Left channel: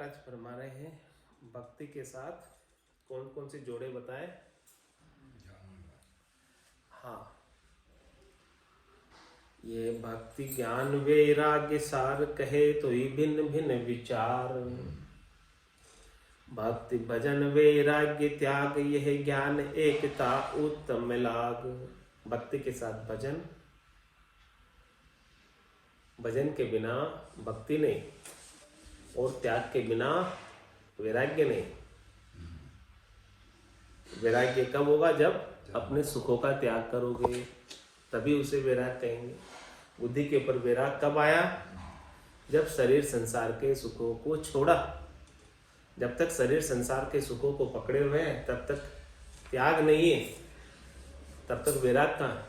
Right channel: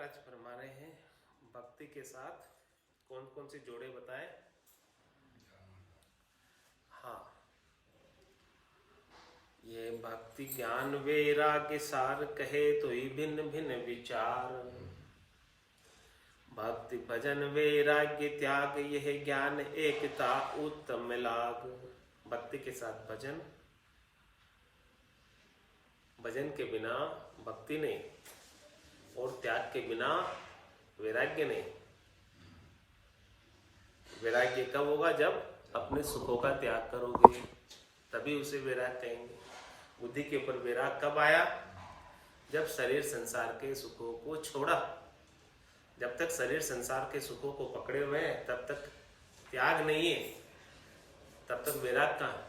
महाराज फरमा रहे हैं भक्ति के साथ कौन कौन से जोड़े बताए। हाँ, ये भक्ति ज्ञान वैराग्य सार कहे तो ही भिन्न भिन्न विचार। भक्ति भजन वैराग्य त्याग यह ज्ञान एकता उत्तम लाग। भक्ति के साथ भजन, भजन के बिना भक्ति नहीं, और त्याग के बिना वैराग्य नहीं। वैराग्य कब होगा? जब अपने सुखों का त्याग करोगे, तभी उसे वैराग कहेंगे। बुद्धि के ऊपर वैराग कब आया? जब शरीर संसार के सुखों को छोड़ा। जब तक शरीर संसार के सुखों को पकड़े हुए हैं तब तक त्याग नहीं है, तब तक वैराग कहाँ है?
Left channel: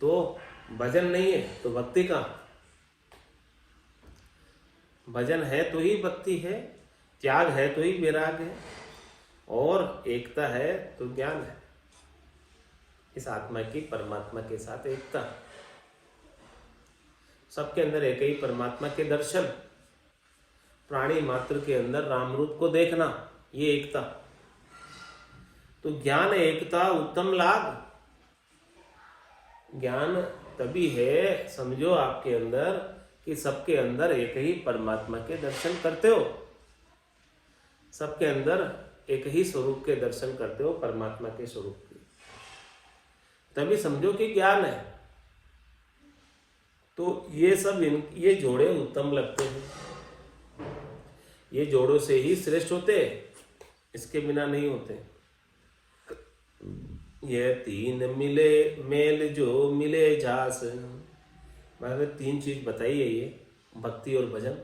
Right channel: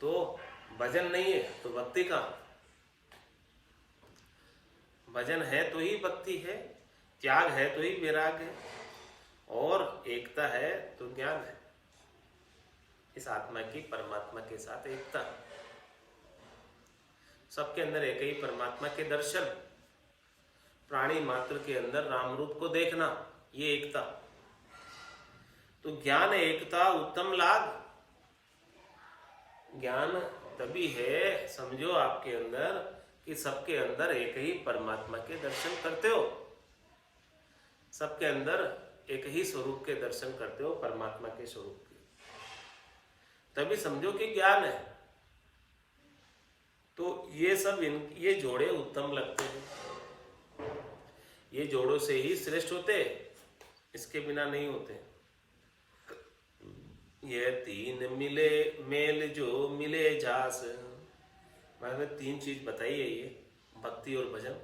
तो भजन नहीं है तो भक्ति कहाँ? भजन है तो ही भक्ति है, त्याग है तो ही वैराग है, और एकता है तो ज्ञान है। इस आत्मा की परमात्मा के साथ एकता, सबके अंदर एक ही परमात्मा के दर्शन, प्राणी मात्र के अंदर राम रूप को देखना, ये एकता। तो ज्ञान एकता उत्तम लाग। ज्ञान तभी है, समझो आपके अंदर, कि सबके अंदर एक ही परमात्मा के दर्शन करते हो, सबके अंदर एक ही स्वरूप के दर्शन करते हो, परमात्मा के स्वरूप के, तभी समझो कि ज्ञान है। तो ये सब ये जोड़े उत्तम लगते हैं, ये जोड़ों से ही श्रेष्ठ होते, इसके बिना नहीं होते। ये तीन मिले मेल जो मिले जास। मैंने तीन चीज बताई है, ये भक्ति और भजन,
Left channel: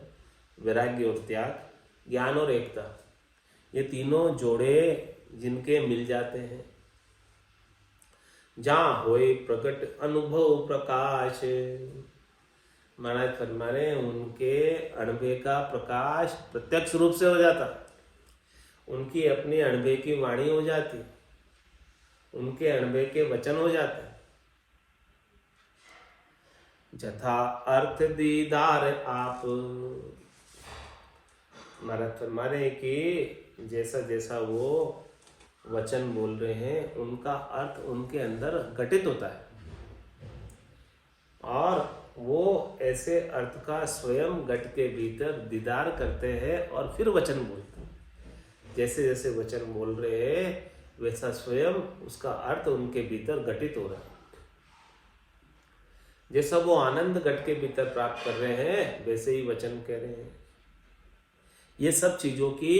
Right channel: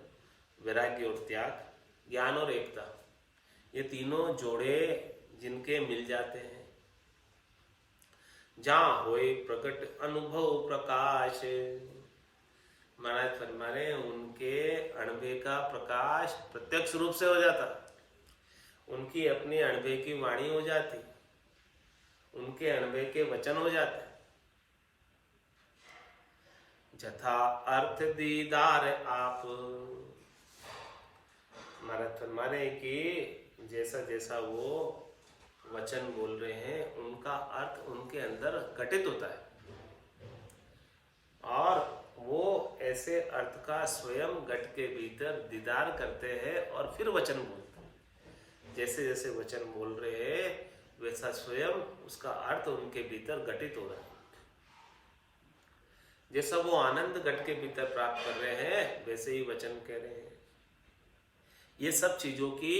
वैराग्य और त्याग, ज्ञान और एकता। ये तीनों जोड़े जिनके मिल जाते हैं, जहां होए प्रकट अनुभव प्रकाश। महाराज फरमा रहे उनके अनुभव का प्रकाश प्रत्यक्ष रूप से हो जाता, उनकी अपनी अनुभव की वाणी हो जाती, उनके अनुभव के वचन हो जाते। जथा अर्थ दीदार आप। महाराज फरमा रहे कि जैसा जैसा वो वचन बोल रहे हैं उनका अर्थ उनके अंदर घटित होता है, और वो ऐसे अर्थ का स्वयं घट के भीतर दीदार करते हैं और फिर वचन बोलते हैं। जैसे जैसे वचन बोल रहे हैं वैसा स्वयं उसका अर्थ उनके भीतर घटित हो रहा है। जैसा वो आनंद घट के भीतर प्राप्त कर रहे हैं वैसे ही वचन कह रहे हैं। ये सब चीजों की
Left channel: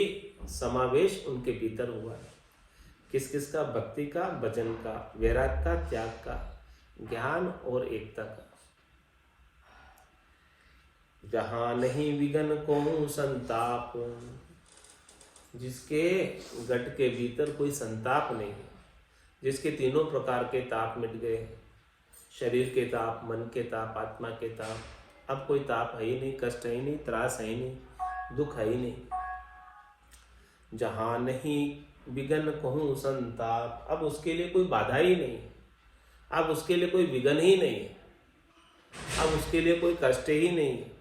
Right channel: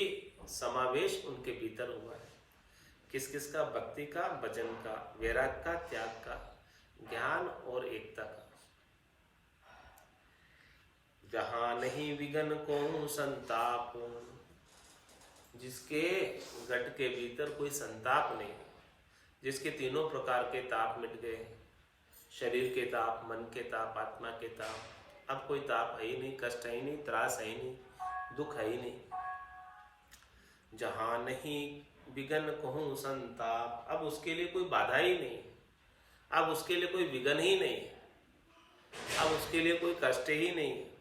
समावेश उनके भीतर हुआ है। किस किस का? भक्ति का, भजन का, वैराग का, त्याग का, ज्ञान और एकता का। जहां नहीं विघन को संताप। जिसके घट के भीतर कोई संताप नहीं है, जिसके तीनों प्रकार के ताप मिट गए, शरीर के ताप, मन के ताप, आत्मा के ताप, अब कोई ताप है ही नहीं, कष्ट है ही नहीं, त्रास है ही नहीं, दुख है ही नहीं। जहां नहीं विघन कहूं संताप, अब उसके लिए कोई बाधा ही नहीं है, अब उसके लिए कोई विघन ही नहीं है, अब उसके लिए कोई कष्ट ही नहीं है।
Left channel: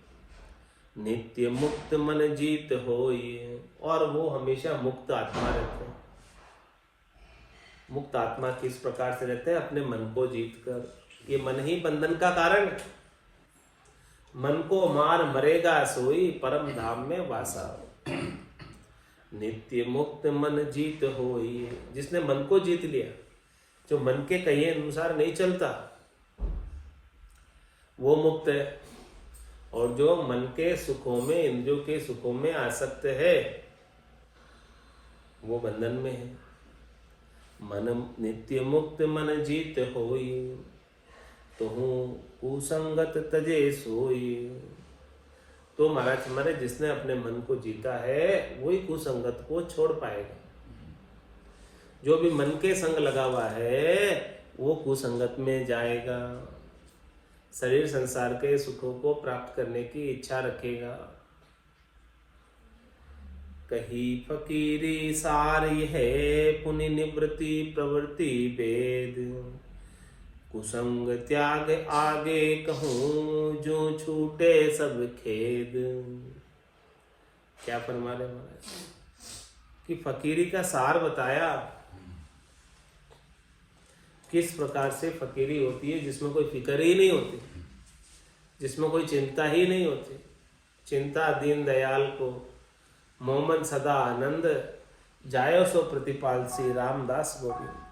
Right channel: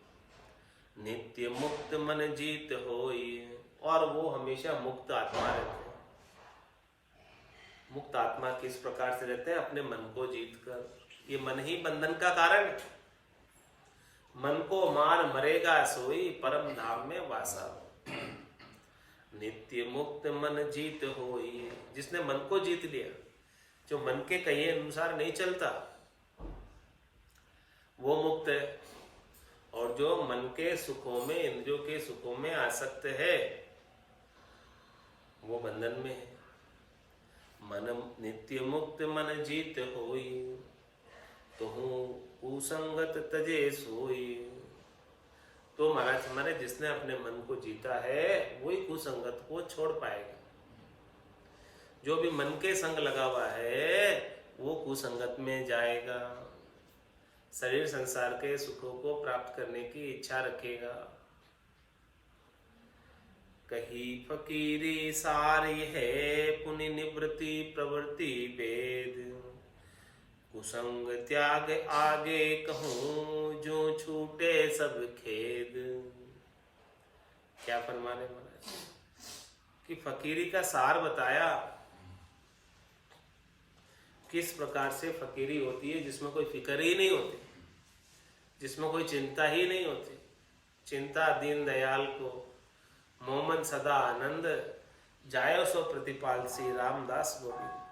नित्य मुक्त मन जीत होई, और वो हमेशा मुक्त आत्मा रहते हैं। मुक्त आत्मा किस प्रकार से रहते हैं? अपने मन को जीत कर। ये मन ही बंधन का कारण है। मन को मार मरेगा सोई, परम धाम में वासा। नित्य मुक्त मन जीत होई। जिसने मन को जीत लिया, जो मन के कहे अनुसार नहीं चलता, वो मुक्त है। और जो मन के सुखों में, इंद्रियों के सुखों में आसक्त है, वो बंधन में है। मन नित्य मुक्त मन जीत होई, तो हूँ कुसंगत तजे सोई। तो महाराज हमारे जिसने अपने मन को जीता है वही कुसंगत को छोड़ पाएगा। जो भी मन के संग लगा हुआ है वो कुसंगत में जाएगा, शरीर संसार के सुखों को प्राप्त करने की इच्छा रखेगा। कही फकीरी सार है, पुनि निवृत्ति प्रवृत्ति भेद। कुसंग त्याग आगे कहूँ, जो छूटे सब खेद। क्या फरमा रहे महाराज कि फकीरी का सार बताया, किस प्रकार से फकीरी होती है, जिसमें कोई फिक्र ही नहीं होती, जिसमें कोई चिंता ही नहीं होती। चिंता दीन दयाल को मोमन सदा आनंद, जायो सो प्रतिपाल श्री रामदास गोविंद।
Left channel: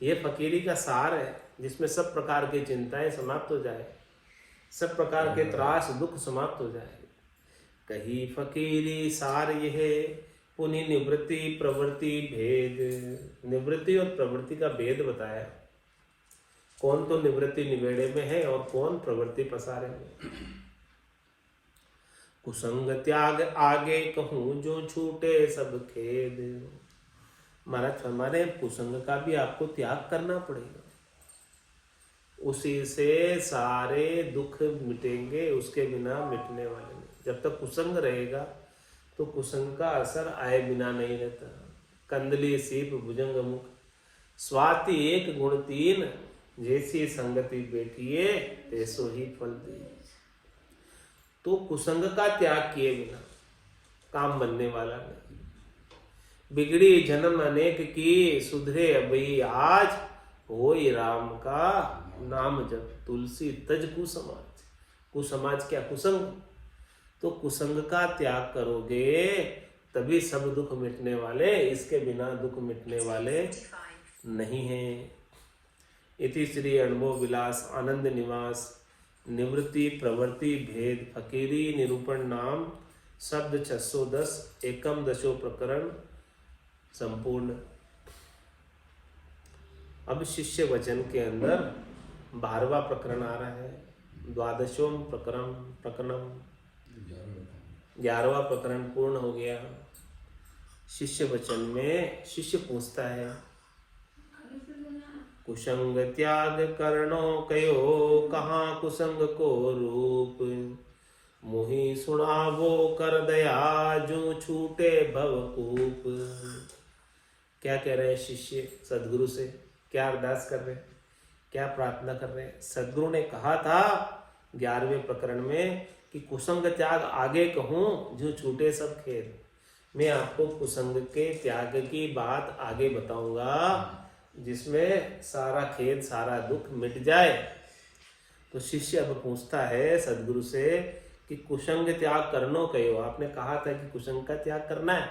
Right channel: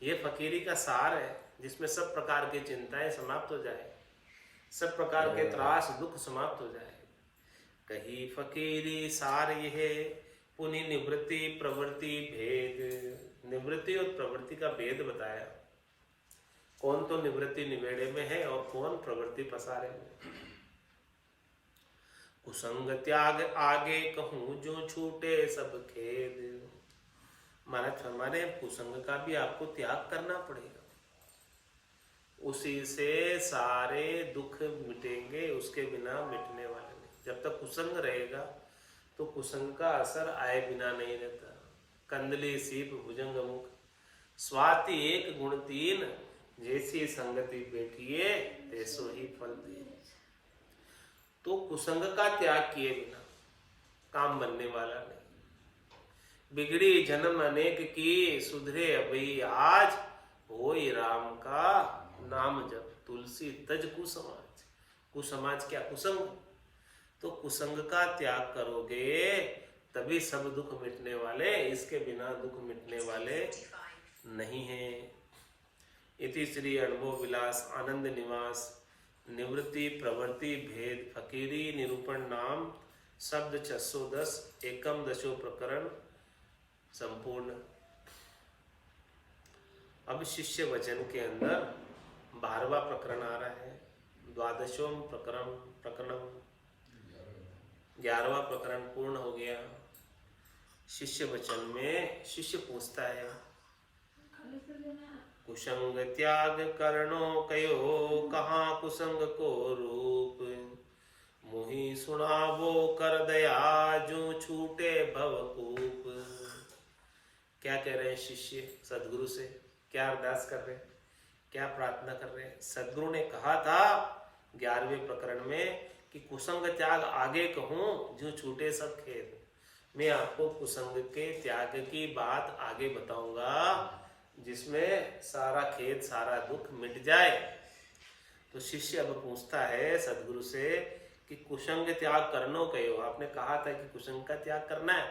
ये फकीरी का सार है, जिसमें सब प्रकार की चिंताएं समाप्त हो जाए, सब प्रकार के त्रास दुख समाप्त हो जाए। कही फकीरी सार यह पुनि निवृत्ति प्रवृत्ति भेद। निवृत्ति और प्रवृत्ति का भेद बताया। कौन तो निवृत्ति निवेड़े में है और कौन प्रवृत्ति पसारे में। कुसंग त्याग आगे कहूं जो छूटे सब खेद। महाराज हमारे कुसंग का भी आपको त्याग करना पड़ेगा, उसी से सारे दुख मिटेंगे, उसके बिना मिटने वाले नहीं। जब तक कुसंग रहेगा तो कुसंग का असर आए बिना नहीं रहता। कंदली सीप भुजंग मुख स्वाति एक गुण तीन, जैसी संगति बैठिए तैसो ही फल दी। तो कुसंग का त्याग किए बिना काम बनने वाला नहीं। बिगड़ी जन्म अनेक की सुधरे अबई आज, होई राम का नाम जब तुलसी तज कुसमाज। कुसमाज क्या? कुसंग। तो कुसंग का त्याग करोगे तभी सब दुख मिटने वाले, इसके बिना दुख मिटने वाले नहीं हैं। इति श्री अनुभव विलास आनंद निवास निवृत्ति प्रवृत्ति भेद फकीरी निरूपण नाम शब्द 610 एकम दशो प्रकरण संपूर्ण। अब शिष्य वचन के अंदर 12वां प्रकरण आ रहा है। द्वादशों प्रकरणम 11वां प्रकरण पूर्ण हो गया। शिष्य वचन में शिष्य पूछता है, कुसंग त्याग करनो कयो, कहाँ कुसंग को रूप। मोहि सुनावो कर दया, जो छूटे भवकूप। क्या कह रहे हैं शिष्य सदगुरु से? क्या अरदास कर रहे हैं, क्या प्रार्थना कर रहे हैं? सदगुरु ने कहा था 11वें प्रकरण में कि कुसंग त्याग आगे कहूं जो छूटे सब खेद। मैं आपको कुसंग के त्याग की बात आगे बताऊंगा, जिसमें सारा खेद सारा दुख मिट जाए। तो शिष्य अब पूछता है सदगुरु से कि कुसंग त्याग करनो कहो। आपने कहा था कि कुसंग का त्याग करना है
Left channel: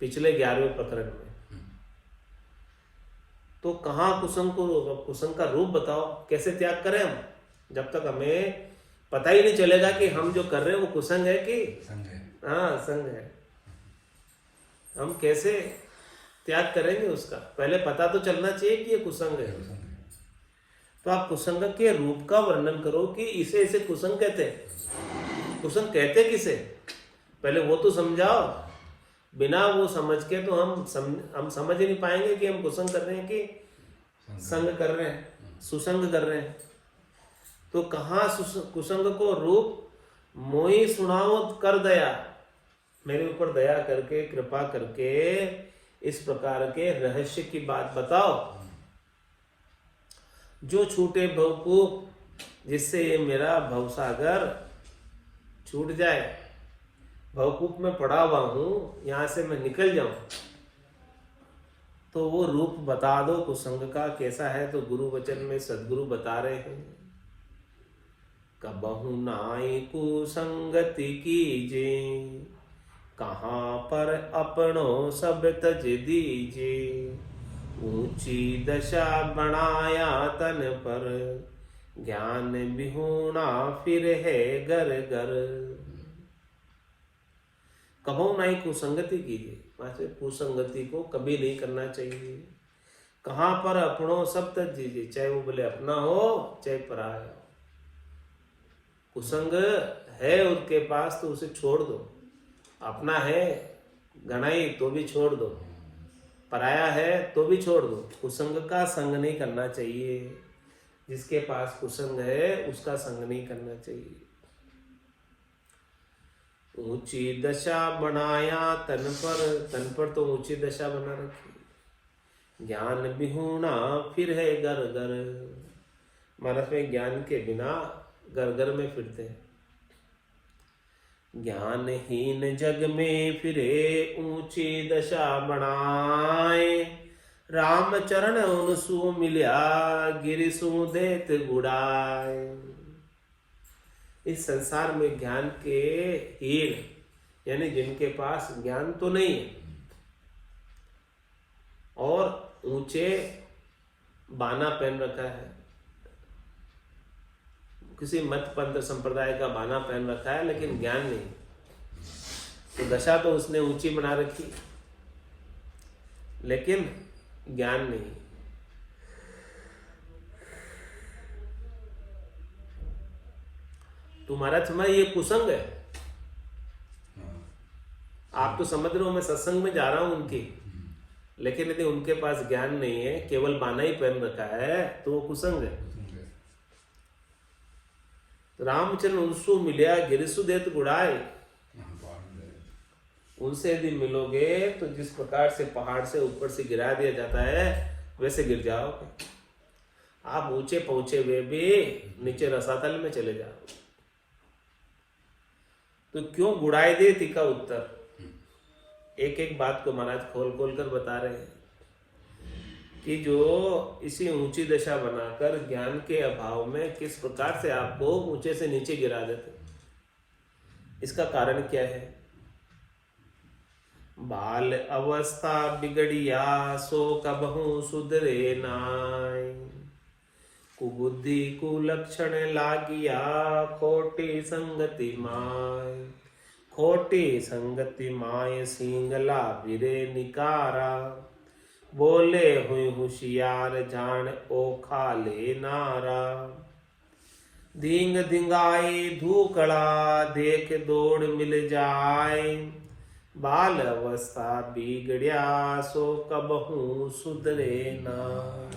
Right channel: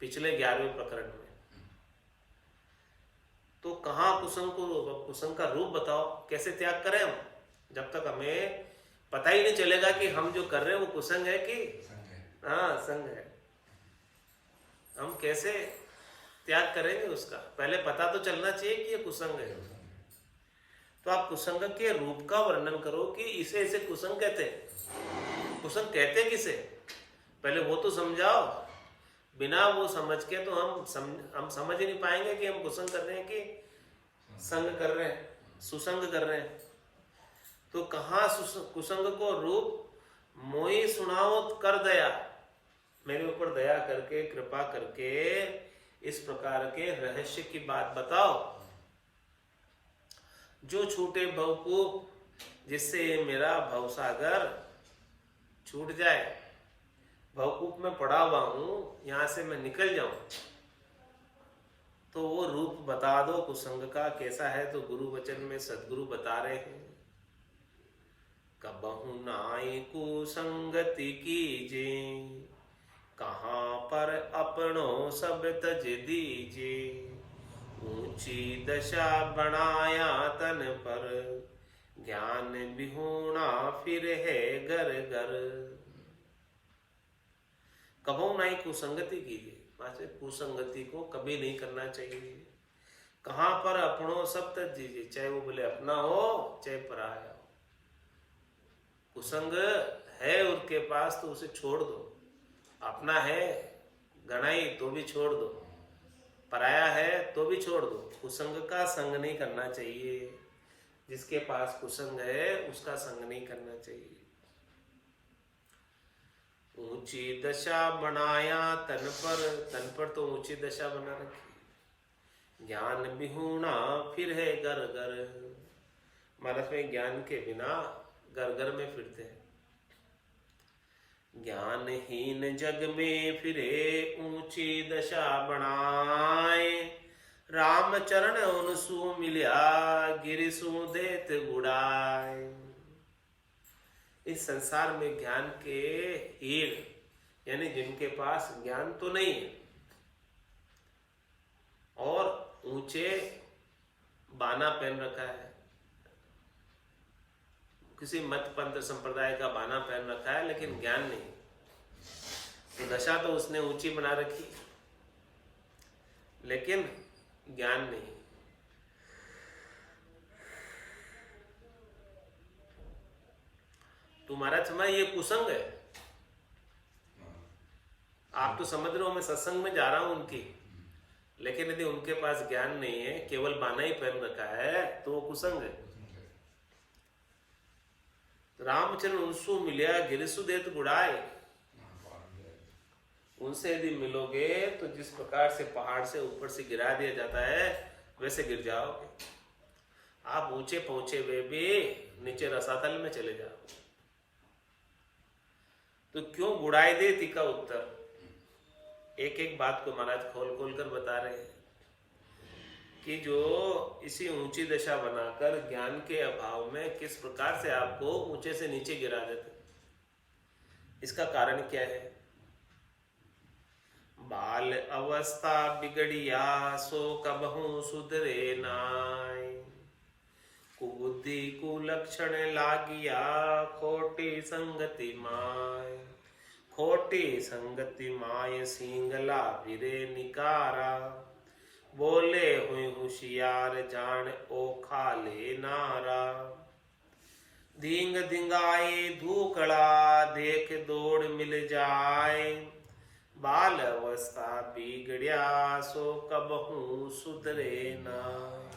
पिछले 11वें प्रकरण में, तो कहाँ कुसंग का रूप बताओ, कैसे त्याग करें हम? जब तक हमें पता ही नहीं चलेगा कि हम जो कर रहे हैं वो कुसंग है कि हाँ संग है, हम कैसे त्याग करेंगे उसका? पहले पता तो चलना चाहिए कि ये कुसंग है। तो आप कुसंग के रूप का वर्णन करो कि इसे इसे कुसंग कहते हैं। कुसंग कहते किसे, पहले वो तो समझाओ। बिना वो समझ के तो हम समझ ही नहीं पाएंगे कि हम कुसंग कर रहे हैं कि संग कर रहे हैं, सुसंग कर रहे हैं। तो कहाँ कुसंग को रूप? मोई सुनाओ कर दया, मेरे ऊपर दया करके कृपा करके इस प्रकार के रहस्य की बात बताओ। जो छूटे भवकूप, जिससे ये मेरा भवसागर छूट जाए। भवकूप में पड़ा हुआ हूं, यहां से मैं निकल जाऊं। तो वो रूप बता दो कुसंग का कैसा है। तो गुरु वचन में सदगुरु बता रहे हैं, कबहु नाई कुसंगति कीजे, कहाँ पर अपनो सब तज दीजे। ऊंची दशा बनाया तन पर, ज्ञान विहूणा फिर है घर घर। कबहु नाई कुसंगति कीजिए, वैसे कुसंगति को कभी नहीं करना चाहिए। कहाँ पर अपनों सब तज दीजिए, चाहे वो बोले अपना हो चाहे पराया हो। कुसंग है उनके पास तो उसे छोड़ दो, अपना है गणाई तो भी छोड़ दो, पराया है तो भी छोड़ दो। कुसंग का संग नहीं करना चाहिए। जिसके पास कुसंग है उसका संग नहीं करना चाहिए। ऊंची दशा बनाया तन पर तो ऊंची दशा बना रखी। ज्ञान विहूणा फिर है घर घर, महाराज में ज्ञान के बिना घर घर में फिरते हैं। ज्ञानहीन जग में फिरे ऊंची दशा बनाए। राम चरण उनसु मिल्या गिरिसु देत गुड़ाए। इस संसार में ज्ञान के हीन यानी जिनके पास ज्ञान तो नहीं है और ऊंचे बाना पहन रखा है, किसी मत पंथ संप्रदाय का बाना पहन रखा है, लेकिन ज्ञान नहीं, तो दशा तो उसने ऊंची बना रखी लेकिन ज्ञान नहीं। तुम्हारा समय ये कुसंग है। आप तो समझ रहे हो मैं सत्संग में जा रहा हूं उनकी, लेकिन यदि उनके पास ज्ञान नहीं है, केवल बाना ही पहन रखा है, तो वो कुसंग है। तो रामचंद्र उनसु मिलिया गिरिसु देत गुड़ाए। उनसे यदि मिलोगे तो जिस प्रकार से पहाड़ से ऊपर से गिरा दिया जाता है वैसे गिर जाओगे। आप ऊंचे पहुंचे हुए भी नीचे रसातल में चले जाओगे। तो क्यों गुड़ाई दे ती का उत्तर, एक एक बात को महाराज खोल खोल कर बता रहे हैं कि जो इसी ऊंची दशा बनाकर ज्ञान के अभाव में किस प्रकार से आपको ऊंचे से नीचे गिरा देते। इसका कारण क्या है? बाल अवस्था बिगड़िया सो कबहू सुधरे नाय। कुबुद्धि कुलक्षण लागिया खोटी संगति माय। खोटी संगति माय सिंगला बिरे निकारा। बोले हुई होशियार जान ओ खाले नारा। धींग धिंगाई धूकड़ा देख दौड़ मिल जाए। बाल अवस्था बिगड़िया सो कबहू सुधरे नाय।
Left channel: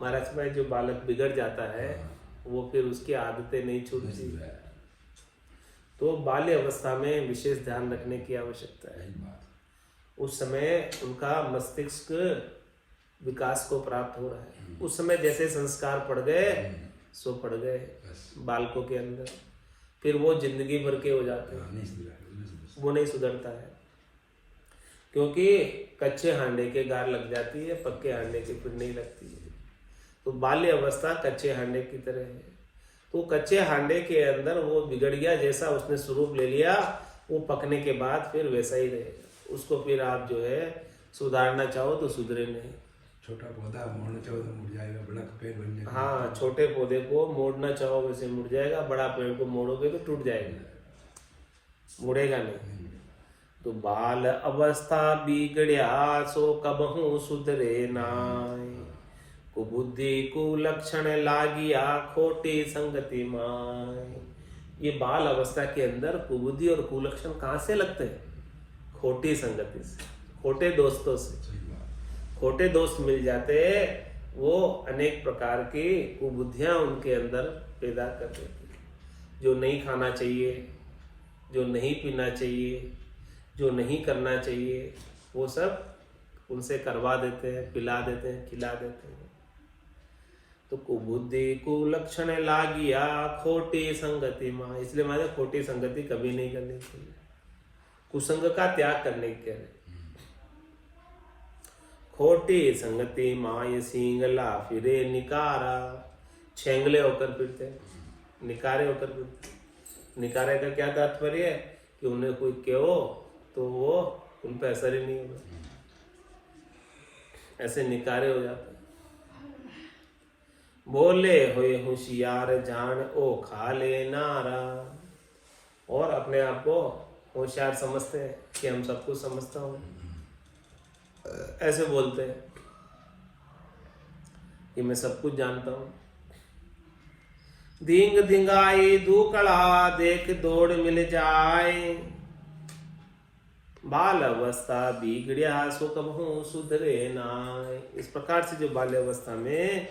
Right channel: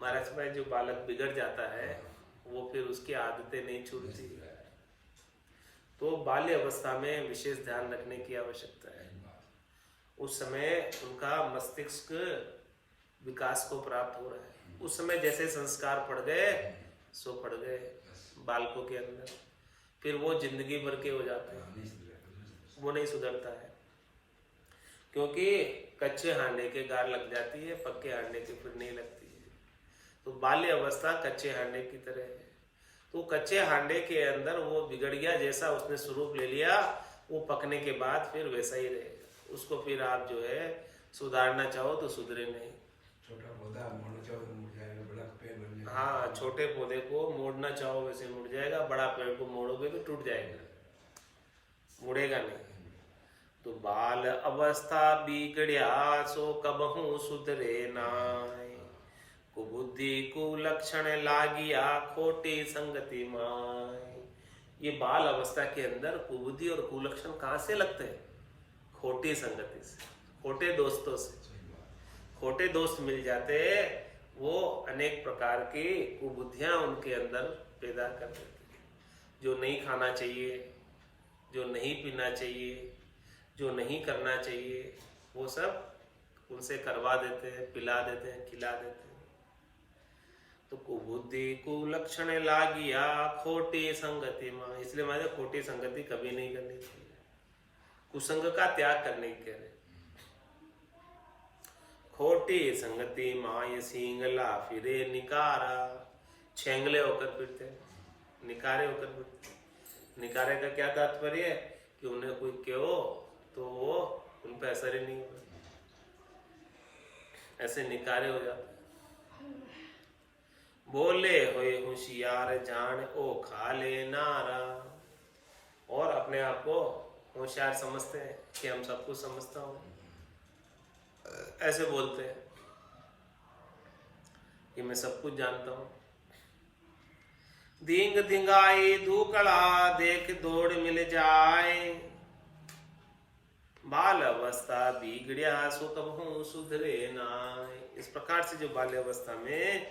महाराज भाई, जो बालक बिगड़ जाता है वो फिर उसकी आदतें नहीं छूटती, तो बाल्य अवस्था में विशेष ध्यान रखने की आवश्यकता है। उस समय उनका मस्तिष्क विकास को प्राप्त हो रहा है। उस समय जैसे संस्कार पड़ गए सो पड़ गए बालकों के अंदर, फिर वो जिंदगी भर के हो जाते हैं, वो नहीं सुधरता है। क्योंकि कच्चे हांडे के गार लग जाती है, पक्के हांडे की फिर नहीं लगती है। तो बाल्य अवस्था कच्चे हांडे की तरह है। तो कच्चे हांडे के अंदर वो बिगड़ गया, जैसा उसने स्वरूप ले लिया, वो पकने के बाद फिर वैसा ही रहेगा। उसको फिर आप जो है सुधारना चाहो तो सुधरे नहीं। छोटा पौधा मोड़ना चाहो तो मुड़ जाएगा, बड़ा पेड़ बनने। हाँ, छोटे पौधे को मोड़ना चाहो वैसे मुड़ जाएगा, बड़ा पेड़ को मोड़ोगे तो टूट जाएगा, मुड़ेगा नहीं। तो बाल अवस्था बिगड़िया सो कबहू सुधरे नाय। कुबुद्धि कुलक्षण लागिया खोटी संगति माय। ये बाल अवस्था के अंदर कुबुद्धि और कुलक्षण कहाँ से लगते हैं? खोटी संगति से, खोटे दोस्तों से। खोटे दोस्त मिल जाते, वो अनेक प्रकार की कुबुद्धियां उनके अंदर पैदा कर देते। जो नहीं खाना चाहिए, जो नहीं पीना चाहिए, जो नहीं करना चाहिए, वो सब उनसे करवा देते हैं, पिला देते हैं, खिला देते हैं। तो कुबुद्धि कुलक्षण लागिया खोटी संगति मां। इसलिए हमारे खोटी संगति कभी नहीं करनी चाहिए, कुसंग का त्याग करने के लिए। खोटी संगति माय सिंगला फिरे निकारा। छेंगले होकर फिरते, निकारे होकर फिरते। निकारे का क्या तात्पर्य है? कि उन्हें कोई कहो तो वो उन पर असर ही नहीं होगा, ऐसे निकारे हो जाते। बोले हुए होशियार जान ओ खाले नारा। और अपने आप को होशियार समझते हैं कि हम सब कुछ समझता हूँ, ऐसे बोलते हैं कि मैं सब कुछ जानता हूँ। धींग धिंगाई धूकड़ा देख दौड़ मिल जाए। बाल अवस्था बिगड़िया सो कबहू सुधरे नाय। इस प्रकार से जो बाल्य अवस्था में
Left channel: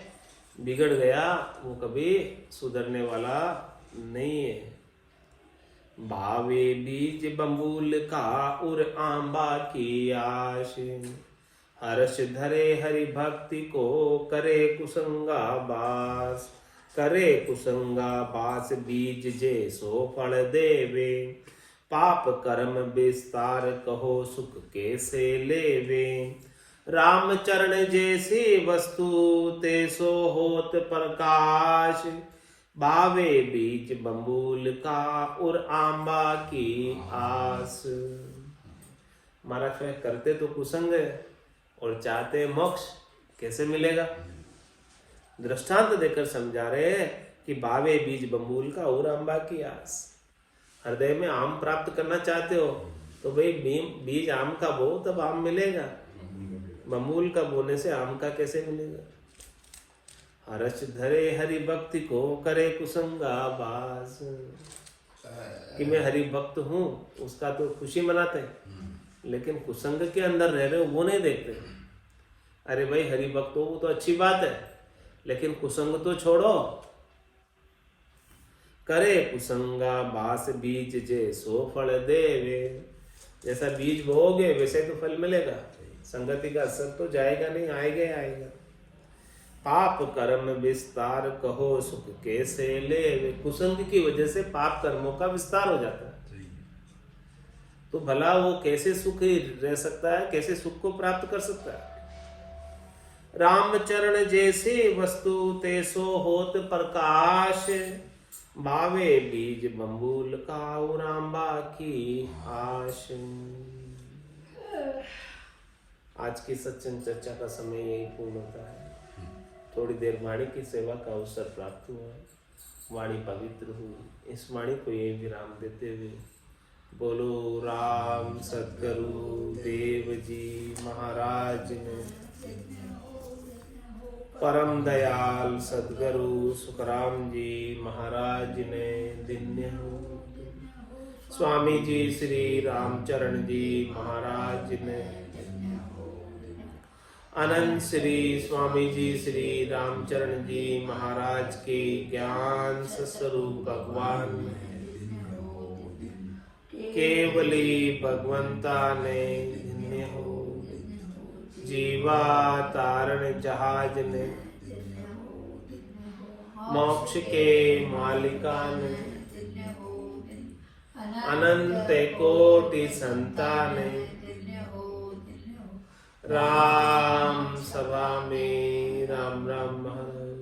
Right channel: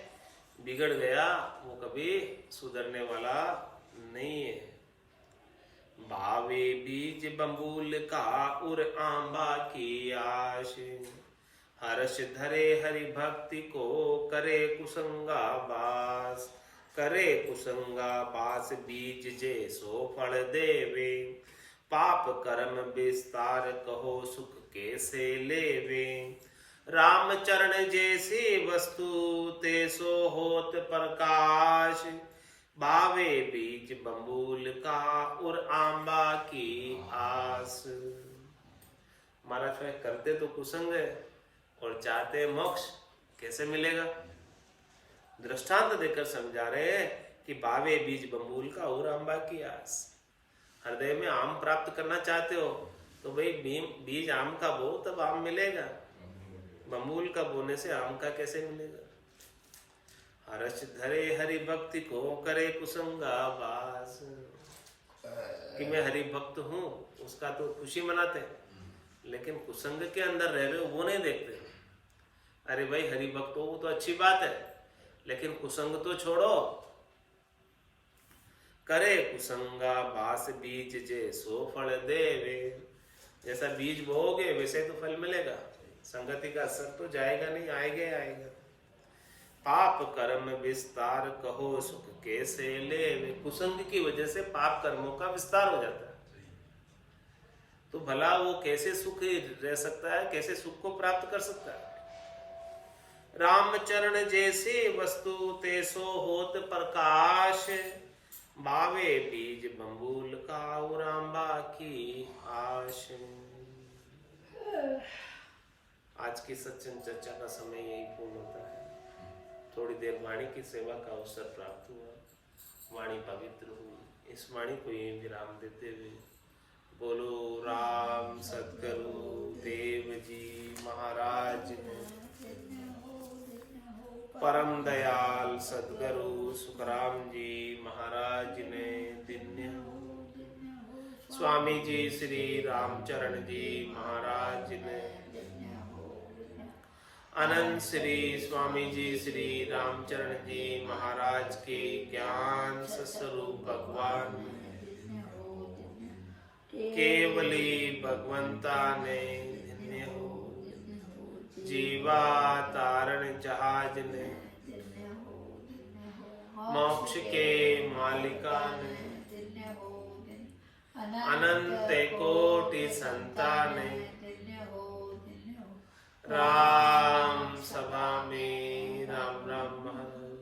बिगड़ गया वो कभी सुधरने वाला नहीं है। भावे बीज बंबूल का उर आंबा की आश। हर्ष धरे हरि भक्ति को करे कुसंगा बास। करे कुसंगा बास बीज जे सो फल देवे, पाप कर्म विस्तार कहो सुख कैसे लेवे, राम चरण जैसी वस्तु ते सो होत प्रकाश, बावे बीज बम्बूल का और आंबा की आस। महाराज में करते तो कुसंग है और चाहते मोक्ष, कैसे मिलेगा? दृष्टांत देकर समझा रहे हैं कि बावे बीज बम्बूल का और आंबा की आस। हृदय में आम प्राप्त करना चाहते हो तो भाई बीज आम का बो तब आम मिलेगा, बम्बूल का बोने से आम का कैसे मिलेगा? हर्ष धरे हरि भक्ति को करे कुसंगा बास, कि मैं हरि भक्त हूँ उसका तो खुशी मनाते हैं, लेकिन कुसंग के अंदर रह रहे हो वो नहीं देखते। अरे भाई हरि भक्त हो वो तो अच्छी बात है, लेकिन कुसंग तो छोड़ो। करे कुसंगा बास बीज जे सो फल देवे, जैसा बीज बोओगे वैसे तो फल मिलेगा, संगति का असर तो जाएगा नहीं, आएगा ही आएगा। पाप कर्म विस्तार कहो सुख कैसे लेवे, कुसंग की वजह से पाप कर्मों का विस्तार हो जाता है, तो भला वो कैसे सुख रह सकता है, कैसे सुख को प्राप्त कर सकता है? रामचरण जैसे वस्तु ते सो होत प्रकाश, भावे बीज बम्बूल का और आंबा की आश। आज की सत्संग चर्चा का समय यही पूर्ण होता है। थोड़ी देर वाणी की सेवा का अवसर प्राप्त हुआ, वाणी पवित्र हुई। इस वाणी को यही विराम देते हुए बोलो राम सद्गुरु देव जी महाराज ने, परम दयाल सद्गुरु सुखराम जी महाराज ने दिन्य हो, स्वामी जी श्री रामचरण जी महाराज ने, अनंत श्री स्वामी जी श्री रामचरण जी महाराज के ज्ञान स्वरूप भगवान केवली भगवंता ने धन्य हो, जीवा तारण जहाज ने, मोक्ष के मालिका ने, अनंत कोटि संताने, राम सभा में राम राम महाराज।